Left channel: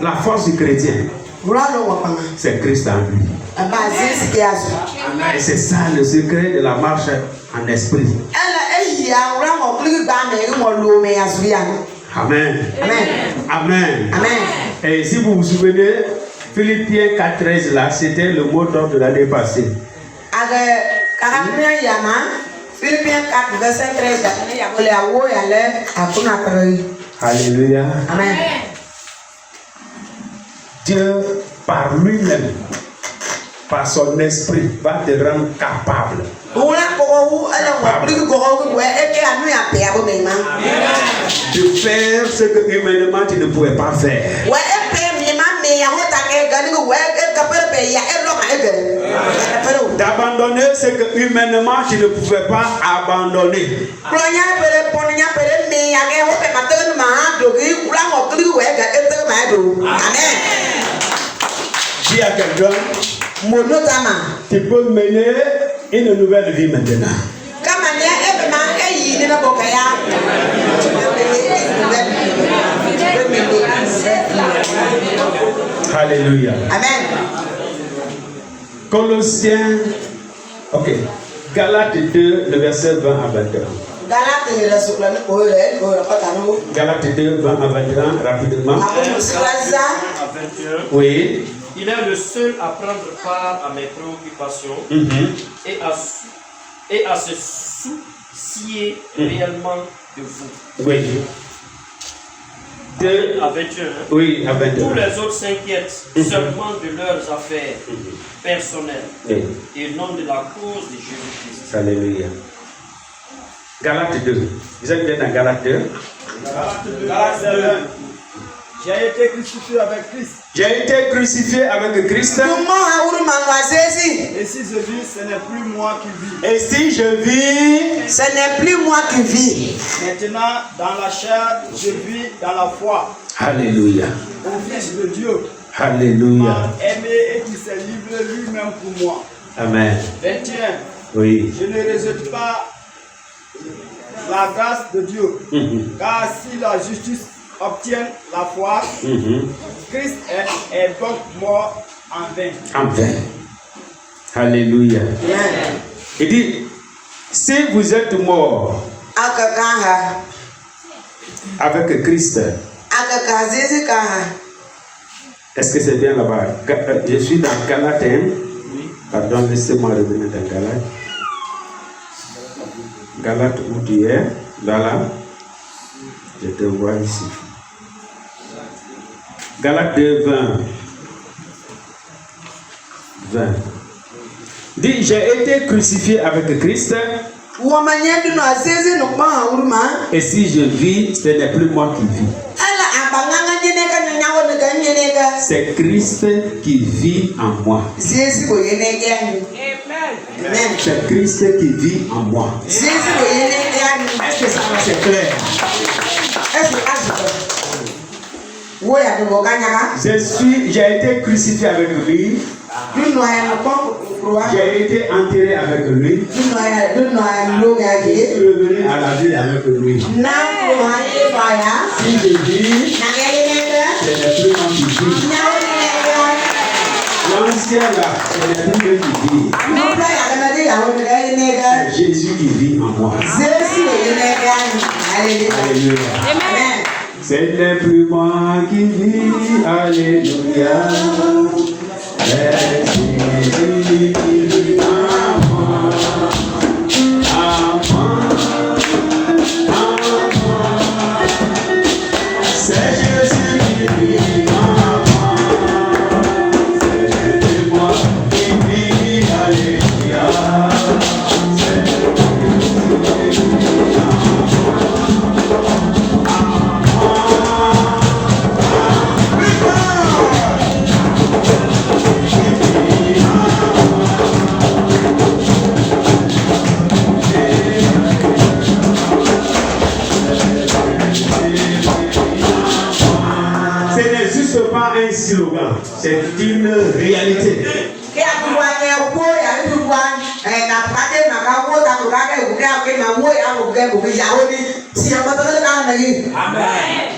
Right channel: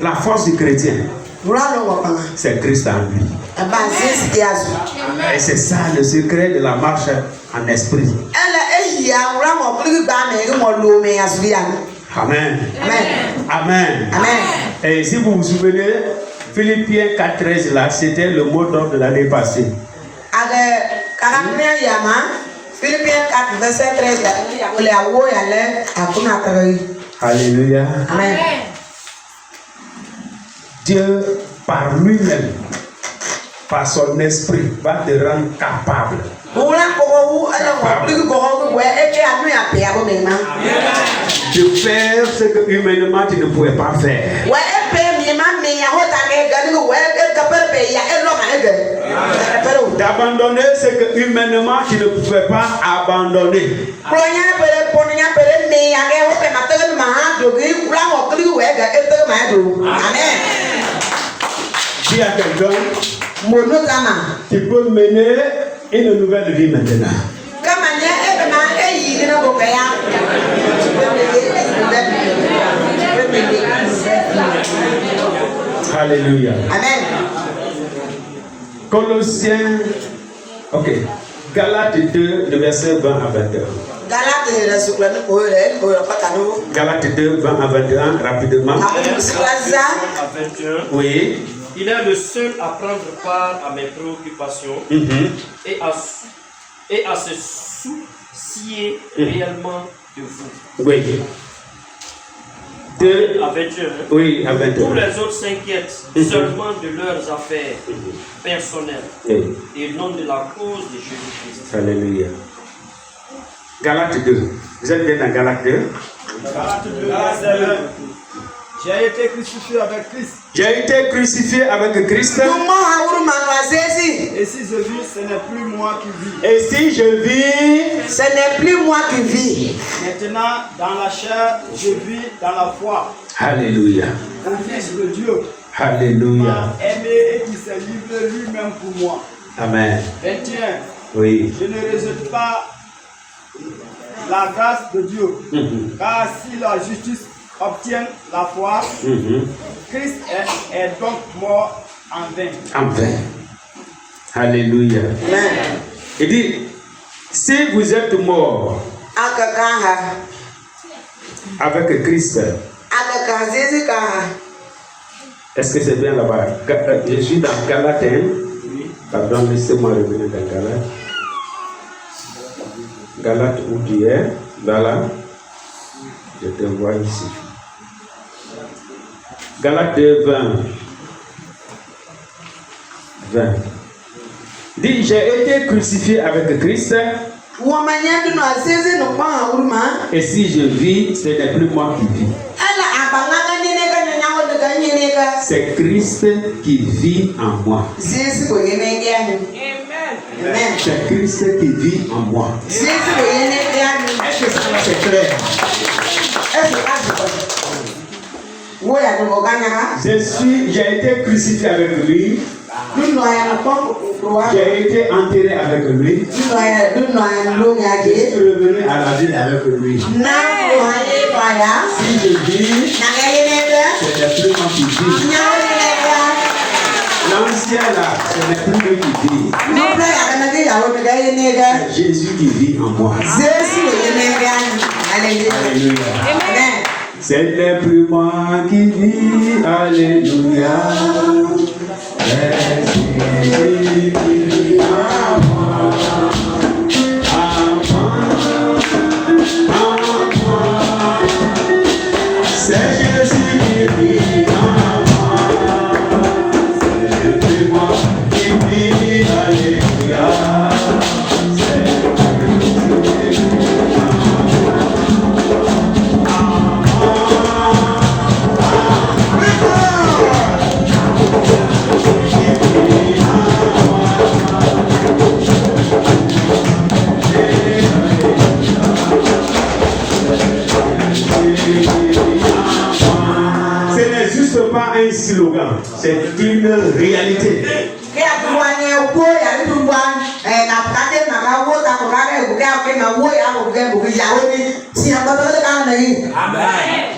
La force du chrétien, c'est Christ en lui. Et c'est ça le secret de la marche en esprit. Amen. Amen. Et si vous vous souvenez, Philippiens 4:13 là, c'était le mot d'ordre de l'année passée. Philippiens 4, verset 13. Alléluia. Amen. Dieu, par lui-même, par son esprit, va te rendre capable de faire ce que humainement tu ne pouvais pas faire. D'abandonner ce que humainement tu ne pouvais pas abandonner. Dis à quelqu'un, tu peux mener une nouvelle vie maintenant. Alléluia. Amen. Colossiens, ok. Galates 2, le verset 20 à 21. Galates 2, 20 à 21, rapidement. Oui. Il est le seul à prendre part à mes préoccupations et à se soucier réellement de vous. Oui. 2 à 21. Oui, à 21. Tous les autres s'inquiètent seulement de leurs affaires personnelles et non de la cause de Jésus-Christ. Alléluia. Galates 2. Vous êtes bien dans Galates 2? Galates 2. J'ai été crucifié avec Christ. J'ai été crucifié avec Christ. Et si je vis, ce n'est plus moi qui vis. Et si je vis, ce n'est plus moi qui vis. Maintenant, dans la chair, je vis dans la foi. Alléluia. Au Fils de Dieu. Alléluia. M'a aimé et qui s'est livré lui-même pour moi. Amen. 21. Oui. Je ne rejette pas la grâce de Dieu. Car si la justice obtient la foi, Christ est donc mort en vain. En vain. Alléluia. Il dit, si vous êtes mort avec Christ, est-ce que c'est bien là-bas? Je suis dans Galates 1. Pardon, laissez-moi revenir dans Galates. Galates où tu es, là. Je te vois ici. Galates 2, 20. Dit, j'ai été crucifié avec Christ. Et si je vis, ce n'est plus moi qui vis. C'est Christ qui vit en moi. C'est Christ qui vit en moi. Est-ce que ça c'est clair? J'ai été crucifié avec lui. J'ai été enterré avec lui. Je suis revenu à la vie avec lui. Si je vis, ce n'est plus moi qui vis. L'ancien là, ce n'est plus lui qui vit. C'est Jésus qui vit en moi. Alléluia. Ce n'est plus moi qui vis. Alléluia. C'est Jésus qui vit en moi. C'est Jésus qui vit en moi. Ce n'est plus moi qui vis. Alléluia. C'est Jésus qui vit en slogan, c'est une réalité.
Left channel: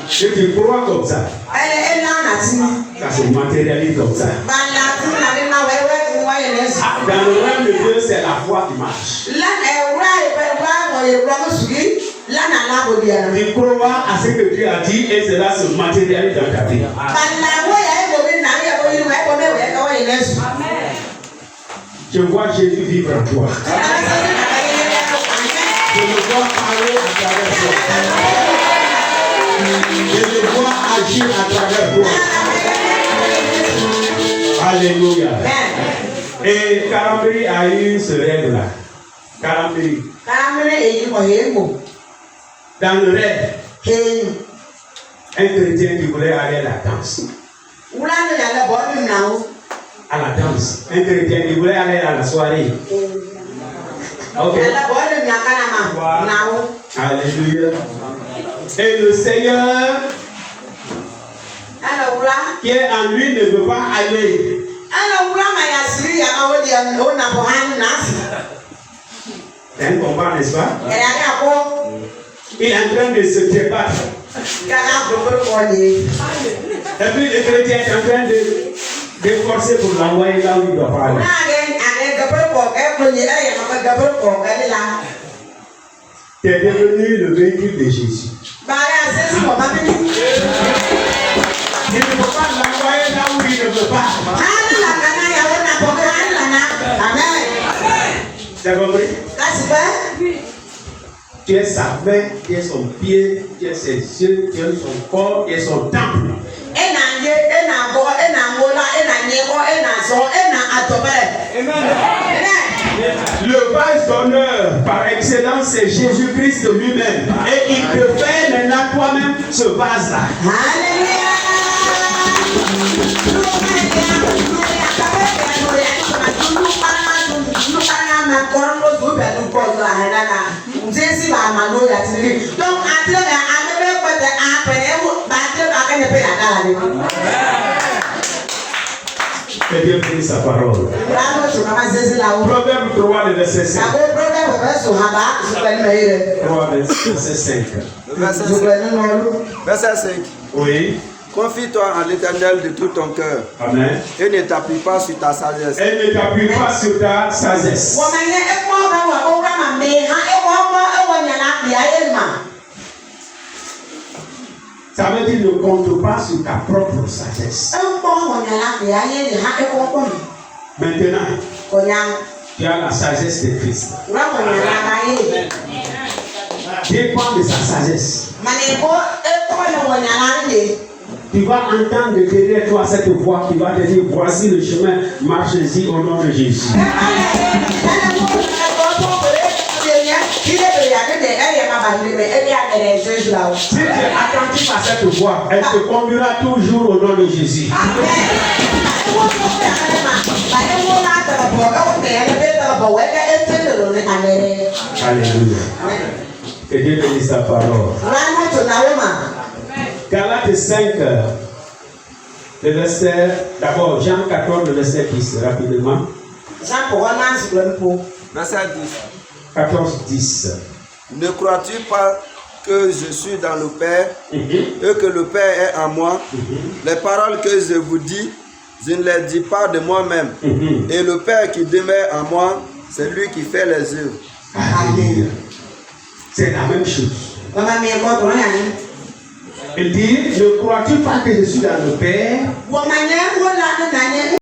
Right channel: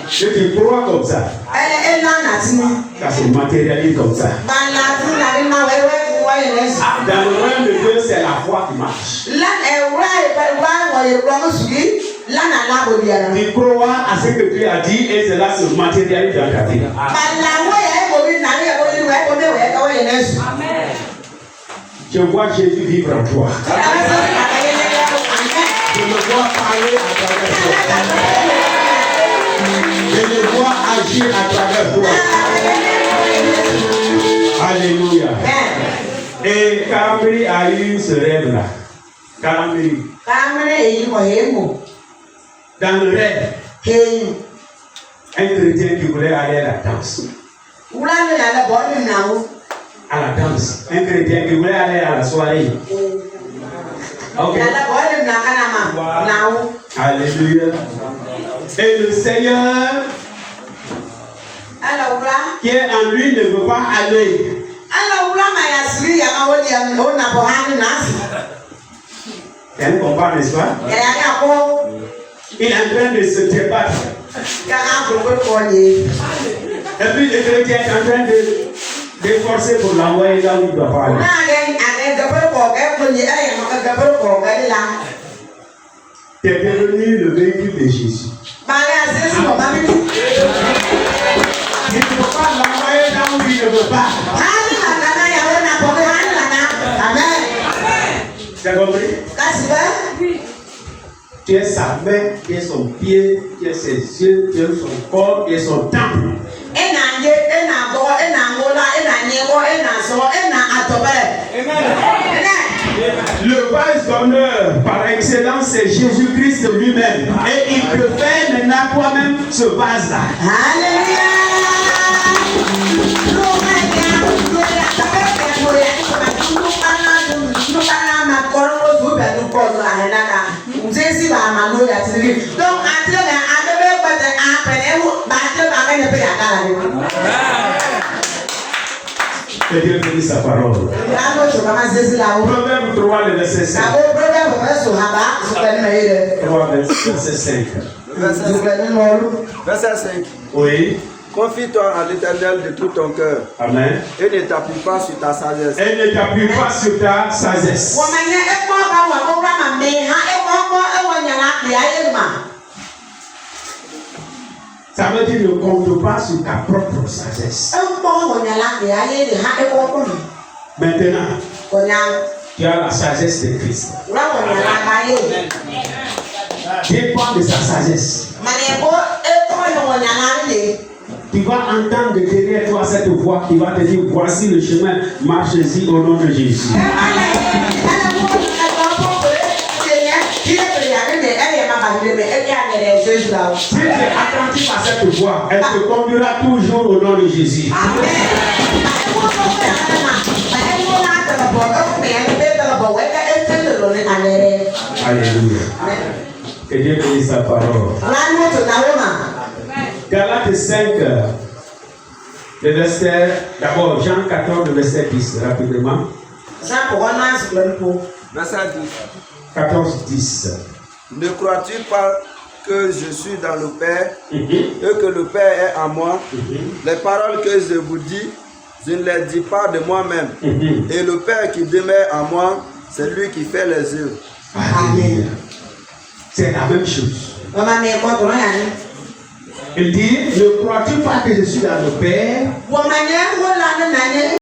Si tu crois comme ça, Ça se matérialise comme ça. Dans le royaume de Dieu, c'est la foi qui marche. Tu crois à ce que Dieu a dit et cela se matérialise dans ta vie. Je vois Jésus vivre en toi. Je le vois parler à travers toi. Je le vois agir à travers toi. Alléluia. Et Karambri a eu ce rêve-là. Karambri. Dans le rêve, un chrétien qui voulait aller à la danse. À la danse. Un chrétien qui voulait aller à la soirée. Ok. Alléluia. Et le Seigneur qui est en lui ne veut pas aller. C'est un combat, n'est-ce pas? Il est en train de se débattre. Et puis le chrétien est en train de forcer pour l'envoyer là où il doit pas aller. Tu es devenu le véhicule de Jésus. Il ne faut pas l'envoyer là où il ne veut pas. Tu as compris? Tu es sa main, tu es son pied, tu es ses yeux, tu es son corps, tu es son temple. Le vase d'honneur par excellence, c'est Jésus-Christ lui-même. Et il te fait maintenant toi-même ce vase-là. Que Dieu bénisse sa parole. Proverbe 3, le verset 5. 3, verset 5. Verset 5. Oui. Confie-toi en l'Éternel de tout ton cœur. Amen. Et ne t'appuie pas sur ta sagesse. Et ne t'appuie pas sur ta sagesse. Ça veut dire ne compte pas sur ta propre sagesse. Maintenant, tu as la sagesse de Christ. Dépend de sa sagesse. Tu vas entendre derrière toi cette voix qui va te dire voici le chemin, marchez-y au nom de Jésus. Si tu es attentif à cette voix, elle te conduira toujours au nom de Jésus. Alléluia. Que Dieu bénisse sa parole. Galates 5, le verset, d'abord Jean 14, le verset 10, rapidement. Verset 10. 14, 10. Ne crois-tu pas que je suis dans le Père et que le Père est en moi? Les paroles que je vous dis, je ne les dis pas de moi-même. Et le Père qui demeure en moi, c'est lui qui fait les œuvres. Alléluia. C'est la même chose. Il dit, ne crois-tu pas que je suis dans le Père